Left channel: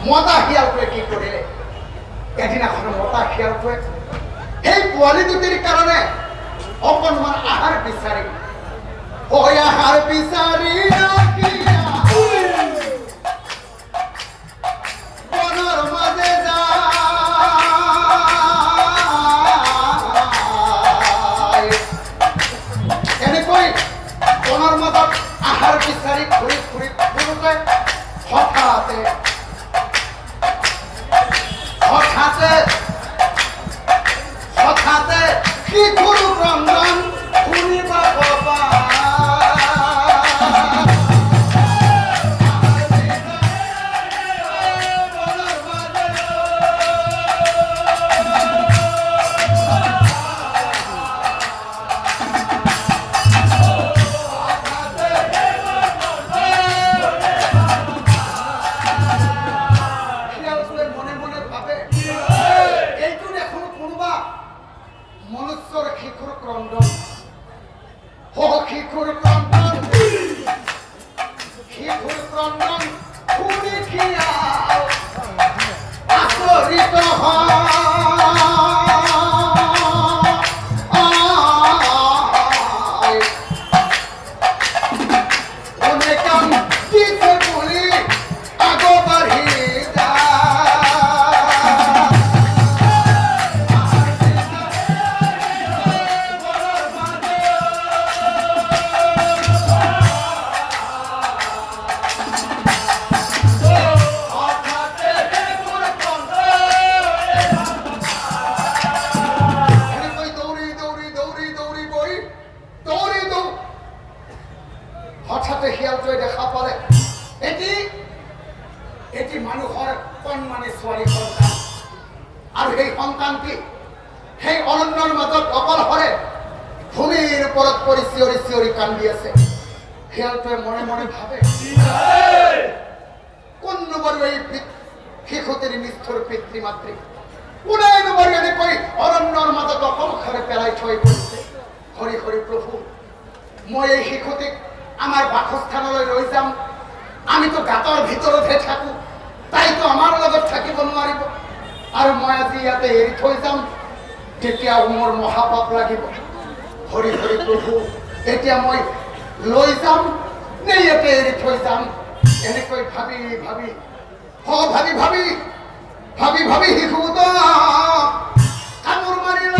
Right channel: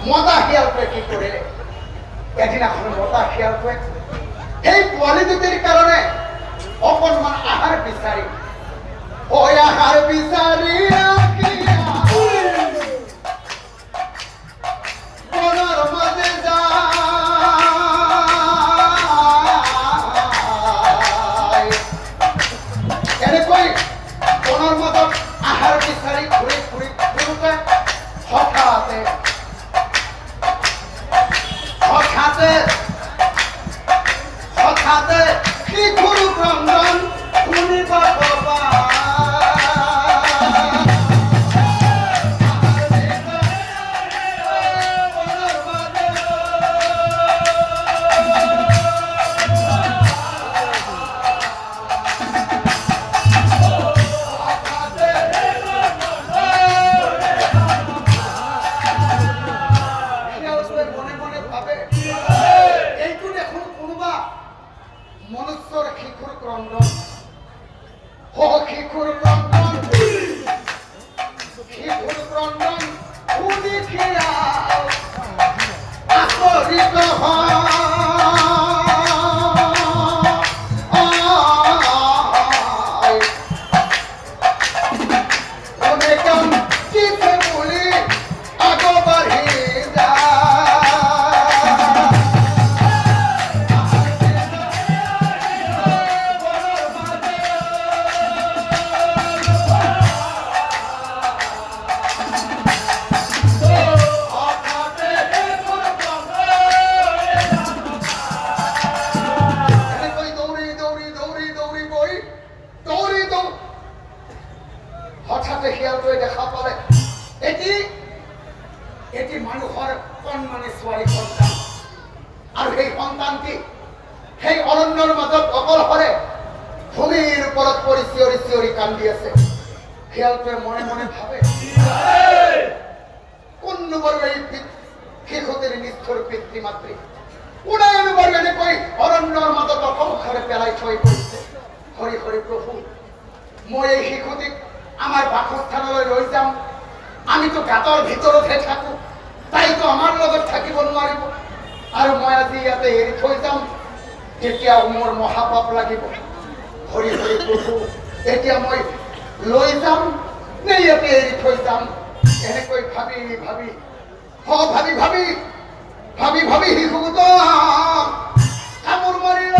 মতা শিয়ালটোৱে কি কৰিলে এদিনাখন মতা শিয়ালটোৱে সেই পোৱালি দুটিৰ কাৰণে অকণমান আহাৰ বিচাৰি আহাৰ বিচাৰি বনৰ মাজে যায় এনেকৈ বনৰ মাজত আহাৰ বিচাৰি ঘূৰি ঘূৰি ফুৰোতে হঠাতে শিশুৰ ক্ৰন্দন শুনিব পাবা মনুষ্যৰ শিশুৰ ক্ৰন্দন শিশুৰ ক্ৰন্দন শুনি আচৰিত বুলি আগবাঢ়ি হঠাতে শিয়ালটোৱে দেখা পালে এটি মানুহৰ কণমানি ছোৱালী সন্তান আৰু সেই সন্তানটি সেই অৰণ্যৰ মাজত অকলশৰে ভূমিৰ ওপৰত পৰি চিঞৰি চিঞৰি কান্দি আছে শিয়ালটোৱে মনে মনে ভাবে কোন বাৰু এই শিশুটিৰ নিষ্ঠুৰ পিতৃ মাতৃ কোনেনো বাৰু এনেকৈ অৰণ্যৰ মাজত অকলশৰে পেলাই থৈ গৈছে হৰি হৰি প্ৰভু মই এই শিশুটিক আমাৰ বাসস্থানলৈ লৈ যাম আমিতো গাঁতৰ ভিতৰতহে থাকো তাইতো আমাৰ লগত থাকিব নোৱাৰিব আৰু মই আজি ইয়াতে এৰি থৈ যাম তেতিয়া মোৰ মহাপাপ লাগিব হৰি হৰি প্ৰভু এতিয়া মই লৈ যাম নে ইয়াতে এৰি থৈ যাম এনেকৈ ভাবি ভাবি ভাবি ভাবি ভাবি ভাবি শিশুটা কামোৰ মাৰিল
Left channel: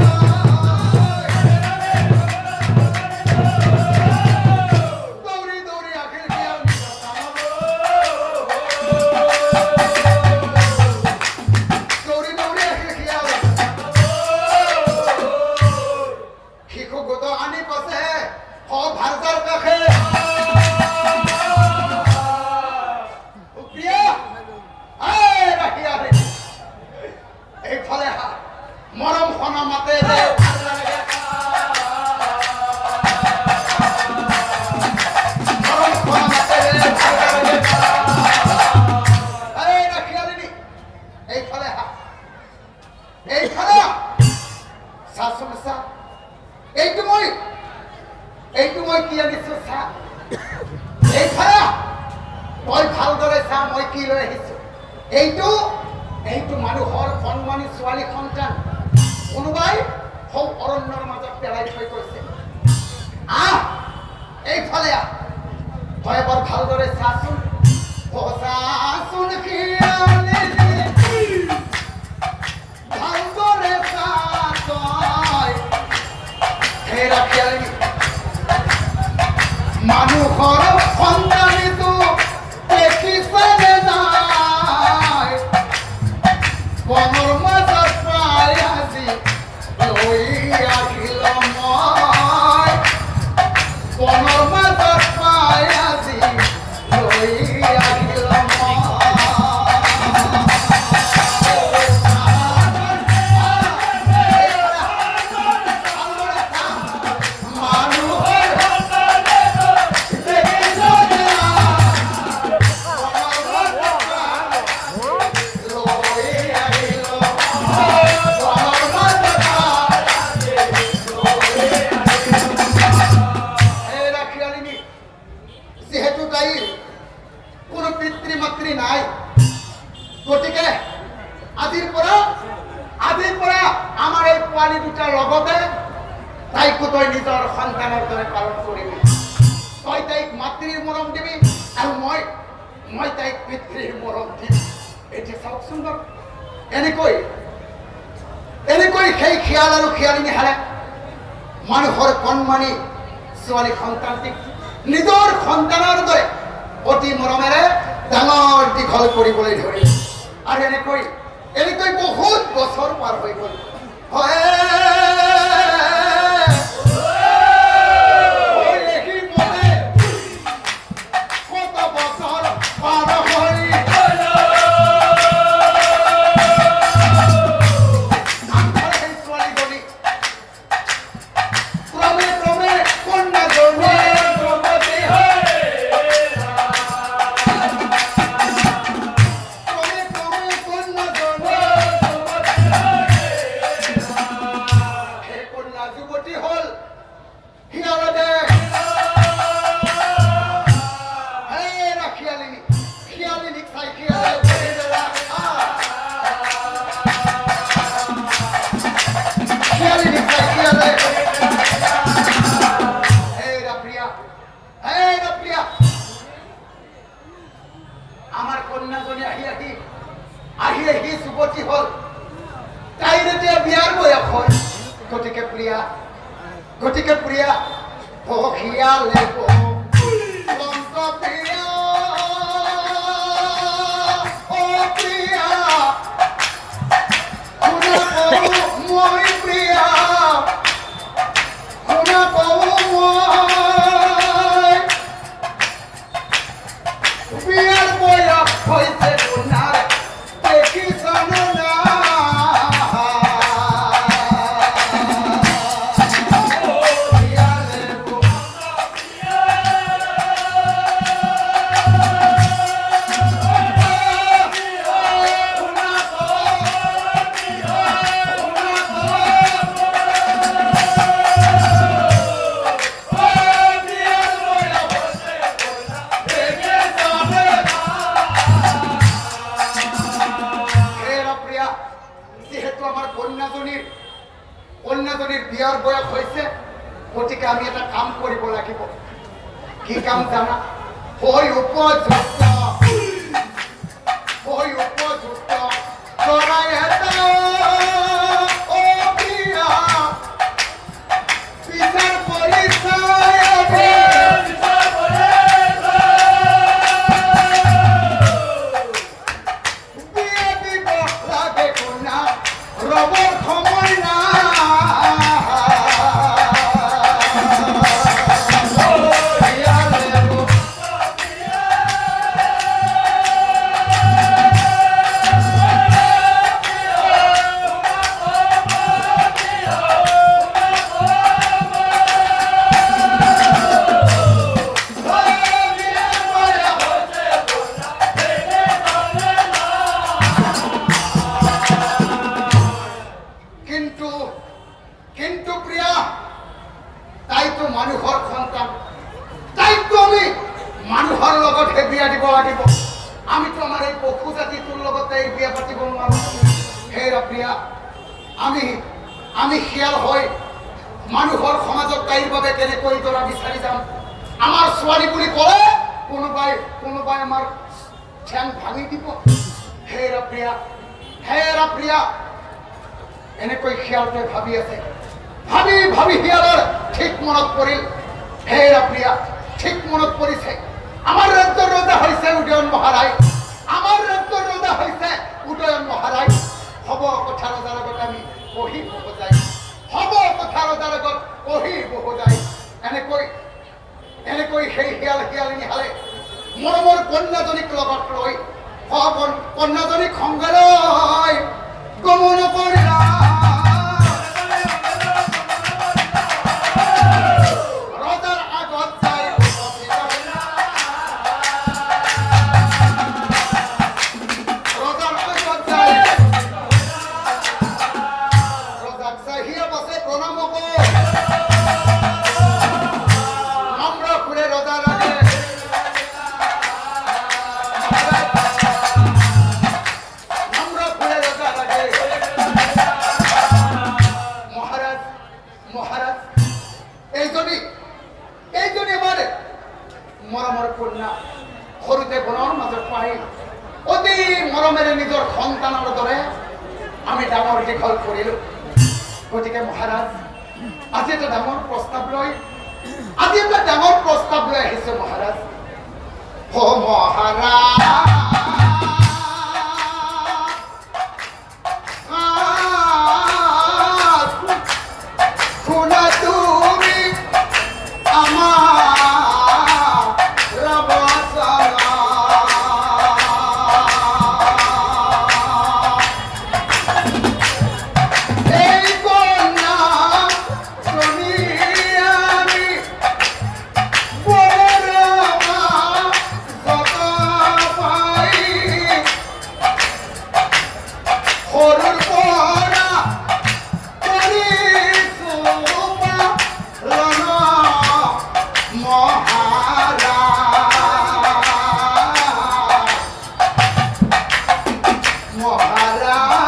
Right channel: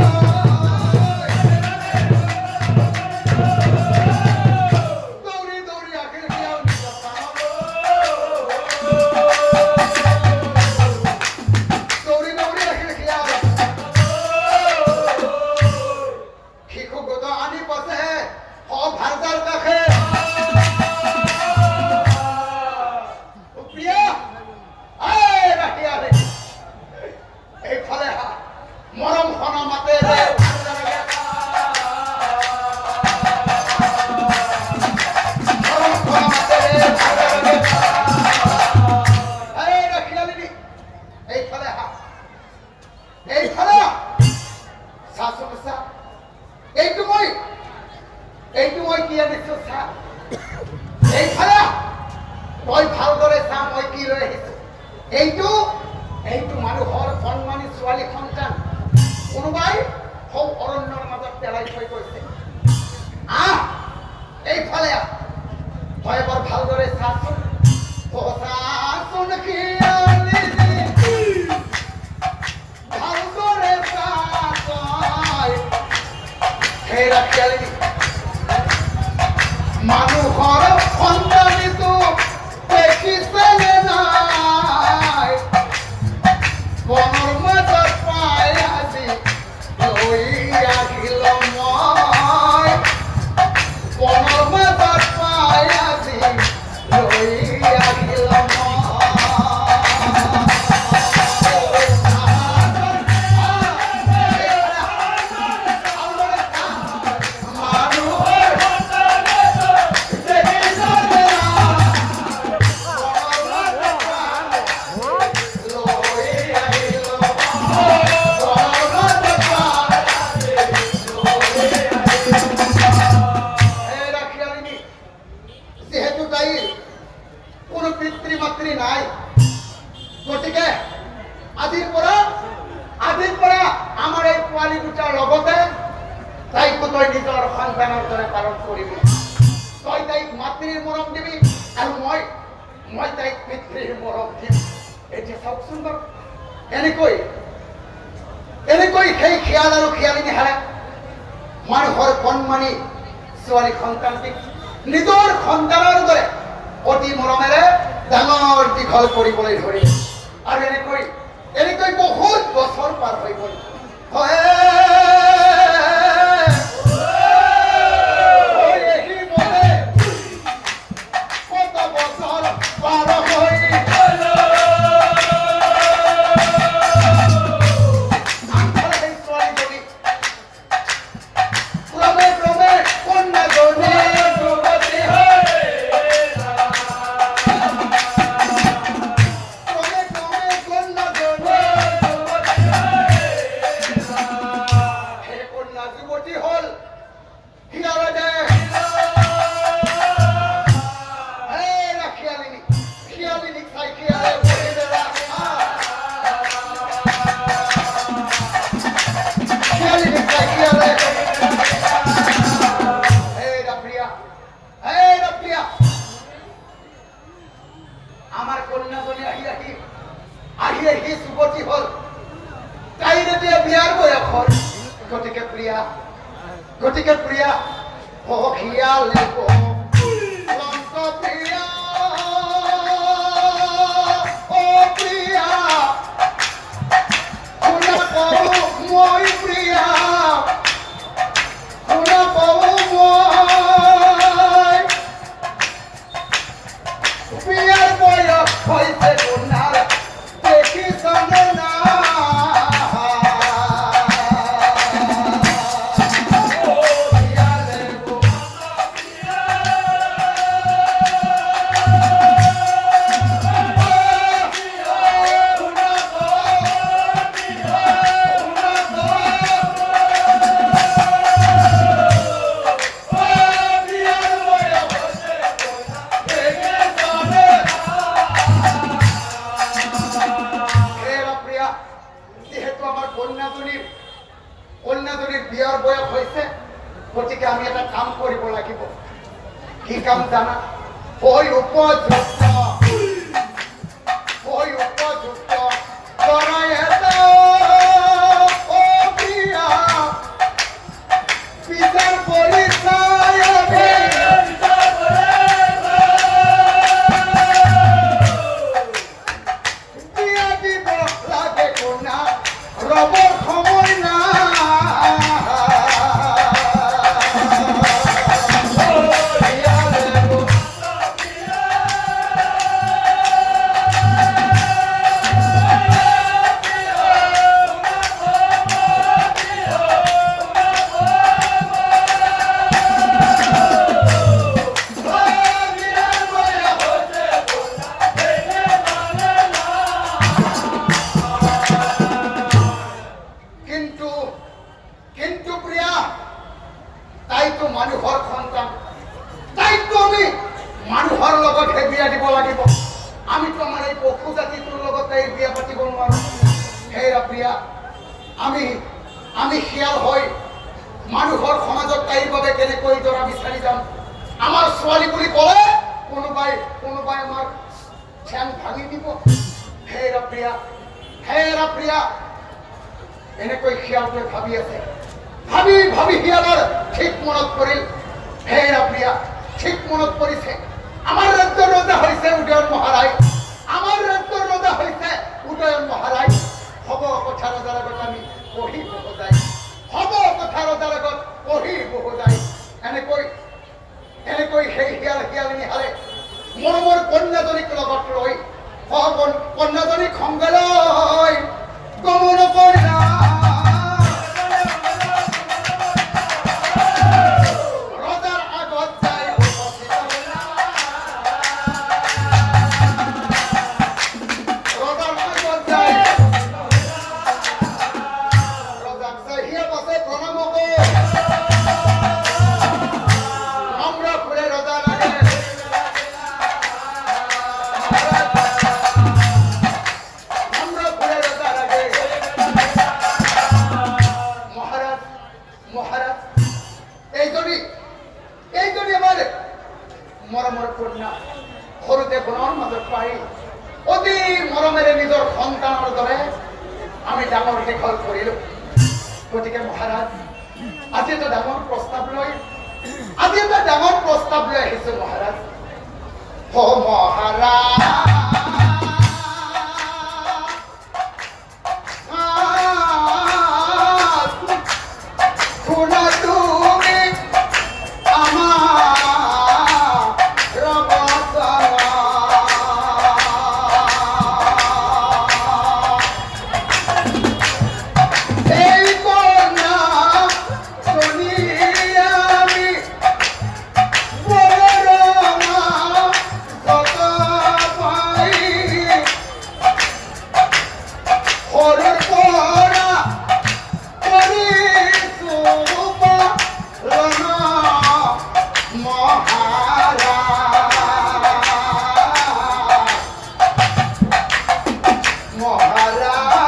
মৰম খনা মাতে এইটো মই কি আনিছো চা এইফালে তই ভালদৰে চা মই কি লৈ আহিছো এইটো মানুহৰ কণমানি ছোৱালী সন্তান কোনোবাই সৌ অৰণ্যৰ মাজত পেলাই থৈ গৈছে এইফালে তই এবাৰ ভালদৰে চাচোন ভালদৰে চা তই হেৰা খেলি মানুহৰ সন্তানিটো দেখিছেনে নাই বনৰ মাজত পাই আজি লৈ আহিল মই বনৰ মাজত পাই আজি লৈ আহিল মই গতিকে আজিৰ পৰা আমাৰ এই পোৱালি দুটাৰ লগতে তাইকো তই নিজৰ সন্তানৰ দৰে পালন কৰিবি। তই তাইক মাতৃৰ মৰম দিবি আৰু মই তাইক পিতৃৰ মৰম দিম। এতিয়া চাওকচোন বাৰু, এনেকৈ সেই খিয়াল আৰু খিয়ালি নিহালে মানুহৰ কণমানি ছোৱালী সন্তানটিক নিজৰ সন্তানৰ দৰে অতি মৰমেৰে ডাঙৰ দীঘল কৰিবলৈ ধৰিলে। আৰু এনেকৈ বহুত বছৰ পাৰ হৈ গ'ল। আমাৰ কন্যাজনী আহি যুৱতী হল, তাইৰ এতিয়া বিয়াৰ বয়স হল। গতিকে প্ৰিয়া সখিয়ালে প্ৰিয়া ও প্ৰিয়া শুনা পাওঁ মই প্ৰিয়া শুনা পাওঁ মই প্ৰিয়াৰ বয়স হৈছে গুণাৰ দেখিছ না কন্যাজনীৰ বিয়াৰ বয়স হয়েছে। গতিকে আমি এটা কাম কৰিব লাগিব। কি কাম জানা? উপযুক্ত কৰাই বিচাৰ পৰিচয় বিয়া দিব লাগে কন্যা ৰবৰ সময় না কিন্তু প্ৰিয়া, তাইতো মানুহৰ সন্তান, তাইতো আমি মানুহৰ লগতহে বিয়া দিব লাগিব। আমিতো আমাৰ এই পশু জাতিটোৰ লগতে এই বিয়া পাতিব নোৱাৰো। হেৰা প্ৰিয়া, আমি শিয়াল হৈ মানুহৰ সমাজত তাইৰ বাবে কেনেকৈ দৰা বিচাৰি যাম? আমাৰ ছোৱালী বুলি ক'লে কোনোবাই আমাৰ ঠেং ভাঙি দিব। হেৰা প্ৰিয়া, এনেকৈ শিয়ালটোৱে ভাবি আছে। ভাবি শিয়ালৰ ঠিক মনত পৰিল। হেৰা প্ৰিয়া, ঠিক মনত পৰিছে। আমাৰ ৰাজ্যৰ ৰজা হৈছে উদয়ন মহাৰাজ। হব কথা ৰজাৰ আগত আমি কহি বহুজাই। এনেকৈ সেই শিয়ালিনী হালে মৰমৰ কন্যাজনীক লগত লৈ কন্যাজনীক সংগে লৈ গমন কৰিলা। মৰমেৰে নিজৰ সন্তানৰ দৰে আমি ডাঙৰ দীঘল কৰিলো। গতিকে মহাৰাজ, আজি এটা ডাঙৰ প্ৰস্তাৱ লৈ আহিছো মহাৰাজ। ও মহাৰাজ, শুনা তুমি আমাৰ বচন। এই কন্যা শুনি আমি বড় কত পাই, সৰুৰ পৰা কৰিছো পালন মহাৰাজ।